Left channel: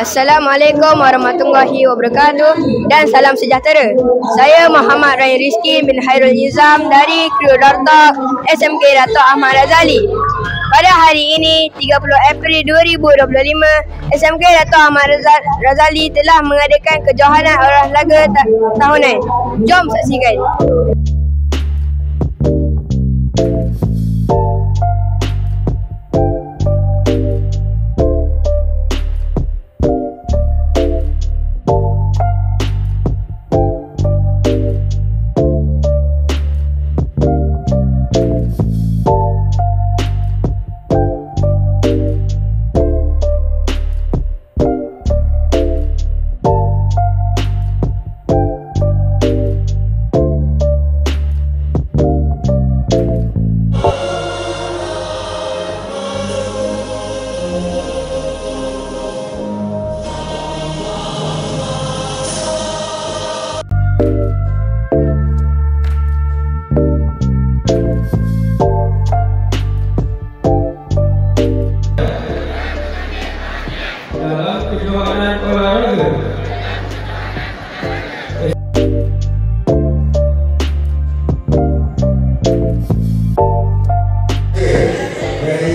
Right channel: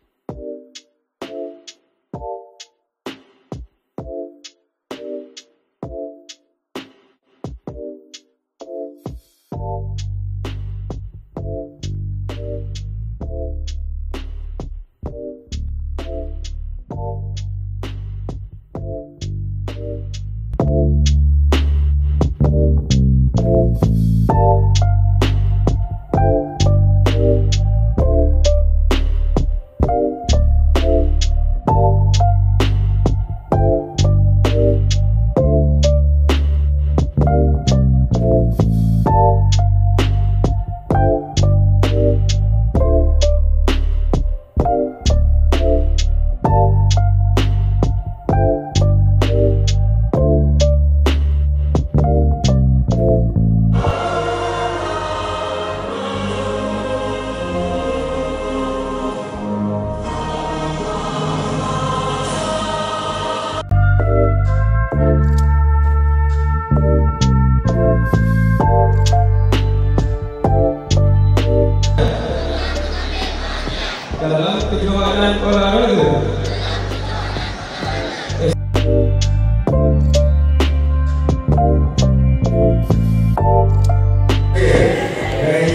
Assalamualaikum warahmatullahi wabarakatuh dan salam sejahtera. Saya Muhammad Ryan Rizki bin Hairul Nizam dari Kru Darta SMK Dato' Ahmad Razali. Pada hari ini 30 April 2025, SMK Dato' Ahmad Razali telah mengadakan kejohanan olahraga tahunan. Jom saksikan. Dalam kejohanan olahraga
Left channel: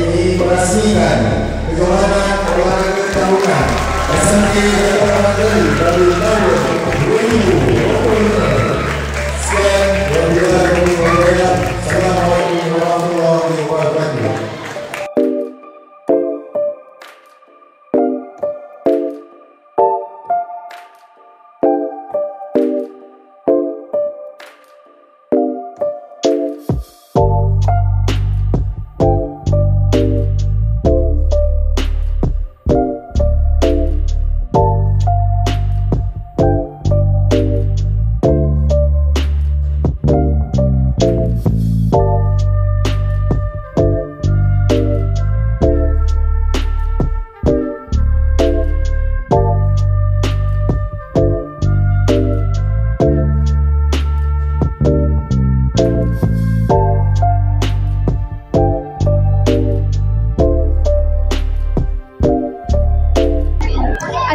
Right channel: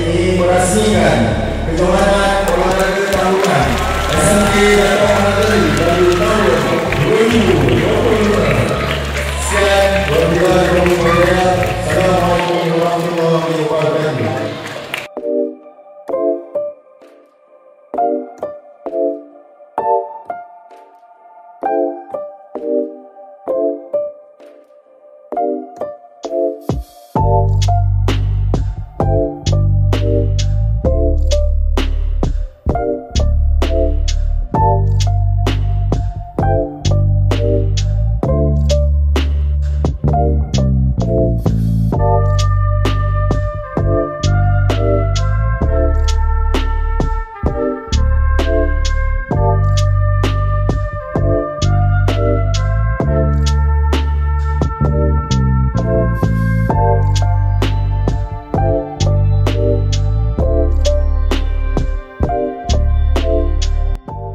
mengoperasikan kejohanan olahraga tahunan SMK Dato' Ahmad Razali dari tahun 2025. Sekian, wabillahi taufiq. Assalamualaikum warahmatullahi wabarakatuh.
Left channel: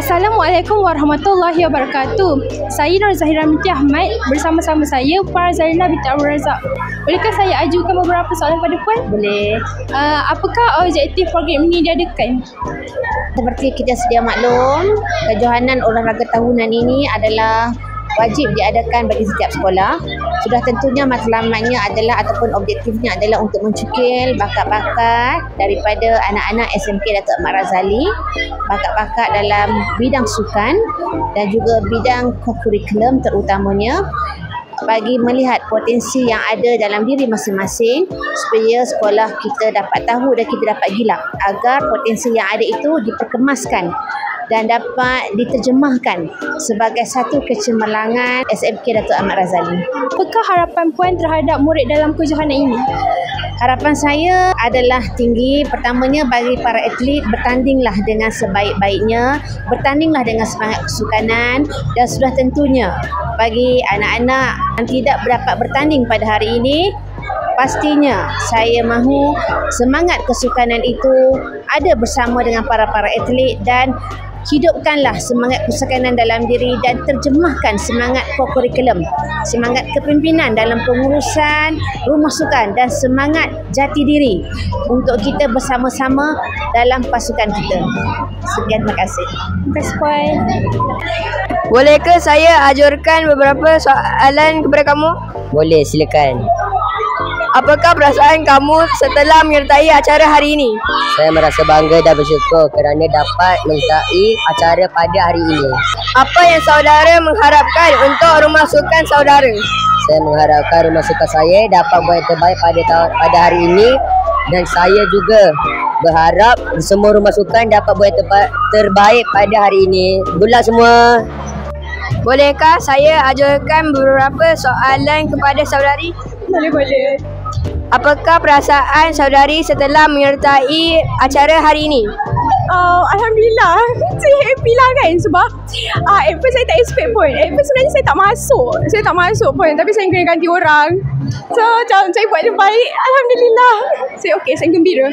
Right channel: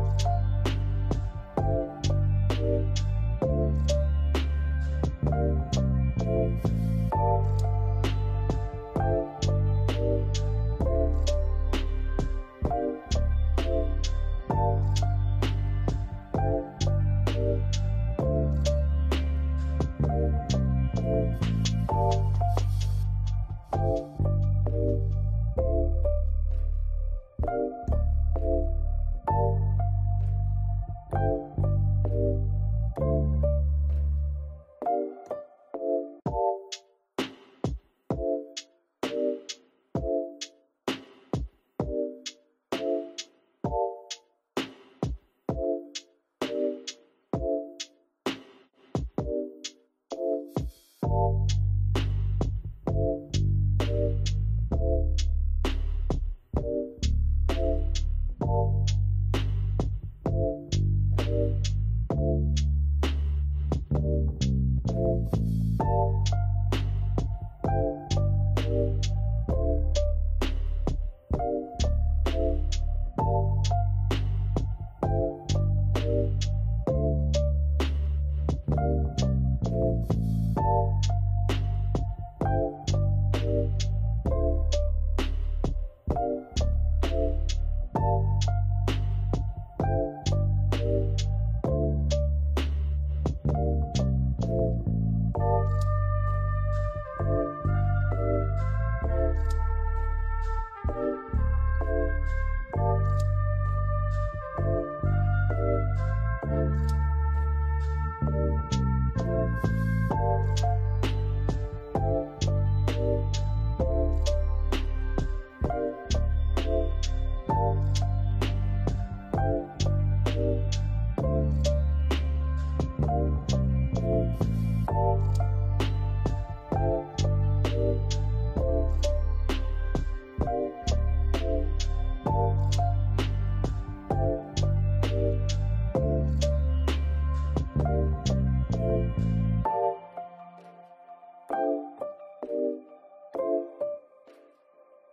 Assalamualaikum warahmatullahi wabarakatuh. Saya Nur Zahira binti Ahmad, bersama-sama saya Farah Zarina binti Abdul Razak. Bolehkah saya ajukan beberapa soalan pada Puan? Boleh. Apakah objektif program ini diadakan? Seperti kita sedia maklum, kejohanan olahraga tahunan ini adalah wajib diadakan bagi setiap sekolah. Sudah tentunya matlamatnya adalah ataupun objektifnya adalah untuk mencukil bakat-bakat daripada anak-anak SMK Dato' Ahmad Razali, bakat-bakat dalam bidang sukan dan juga bidang kokurikulum terutamanya, bagi melihat potensi yang ada dalam diri masing-masing supaya sekolah kita dapat tahu dan kita dapat gilap agar potensi yang ada itu diperkemaskan dan dapat diterjemahkan sebagai satu kecemerlangan SMK Dato' Ahmad Razali. Apakah harapan Puan terhadap murid dalam kejohanan ini? Harapan saya adalah tinggi. Pertamanya bagi para atlet, bertandinglah dengan sebaik-baiknya, bertandinglah dengan semangat kesukanan, dan sudah tentunya bagi anak-anak yang tidak dapat bertanding pada hari ini, pastinya saya mahu semangat kesukanan itu ada bersama dengan para atlet dan hidupkanlah semangat kesukanan dalam diri dan terjemahkan semangat kokurikulum, semangat kepimpinan dalam pengurusan rumah sukan dan semangat jati diri untuk kita bersama-sama dalam pasukan kita. Sekian, terima kasih. Terima kasih Puan. Bolehkah saya ajukan beberapa soalan kepada kamu? Boleh, silakan. Apakah perasaan kamu setelah menyertai acara hari ini? Saya merasa bangga dan bersyukur kerana dapat menyertai acara pada hari ini. Apa yang saudara mengharapkan untuk rumah sukan saudara? Saya mengharapkan rumah sukan saya dapat buat yang terbaik pada hari ini, dan saya juga berharap semua rumah sukan dapat buat yang terbaik pada hari ini. Good luck semua. Bolehkah saya ajukan beberapa soalan kepada saudari? Boleh. Apakah perasaan saudari setelah menyertai acara hari ini? Alhamdulillah. Saya happy lah kan sebab at first saya tak expect pun. At first sebenarnya saya tak masuk pun, tapi saya kena ganti orang. So macam saya buat yang baik, alhamdulillah. Saya okey, saya gembira.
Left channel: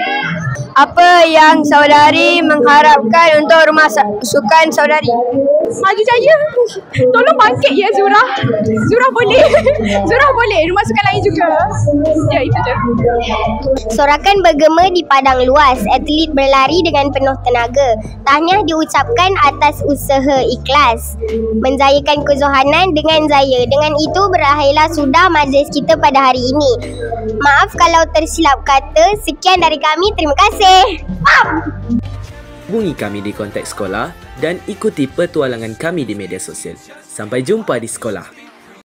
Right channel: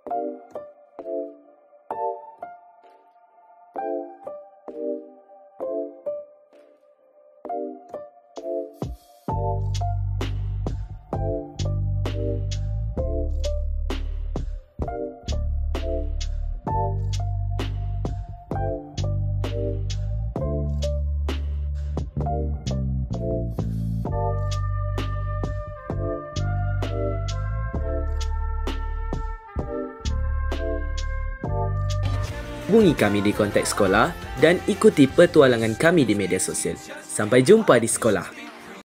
Apa yang saudari mengharapkan untuk rumah sukan saudari? Maju jaya. Tolong bangkit ya Zurah. Zurah boleh. Zurah boleh. Rumah sukan lain juga. Ya, itu je. Sorakan bergema di padang luas, atlet berlari dengan penuh tenaga. Tahniah diucapkan atas usaha ikhlas menjayakan kejohanan dengan jaya. Dengan itu berakhirlah sudah majlis kita pada hari ini. Maaf kalau tersilap kata. Sekian dari kami. Terima kasih. Hubungi kami di kontak sekolah dan ikuti petualangan kami di media sosial. Sampai jumpa di sekolah.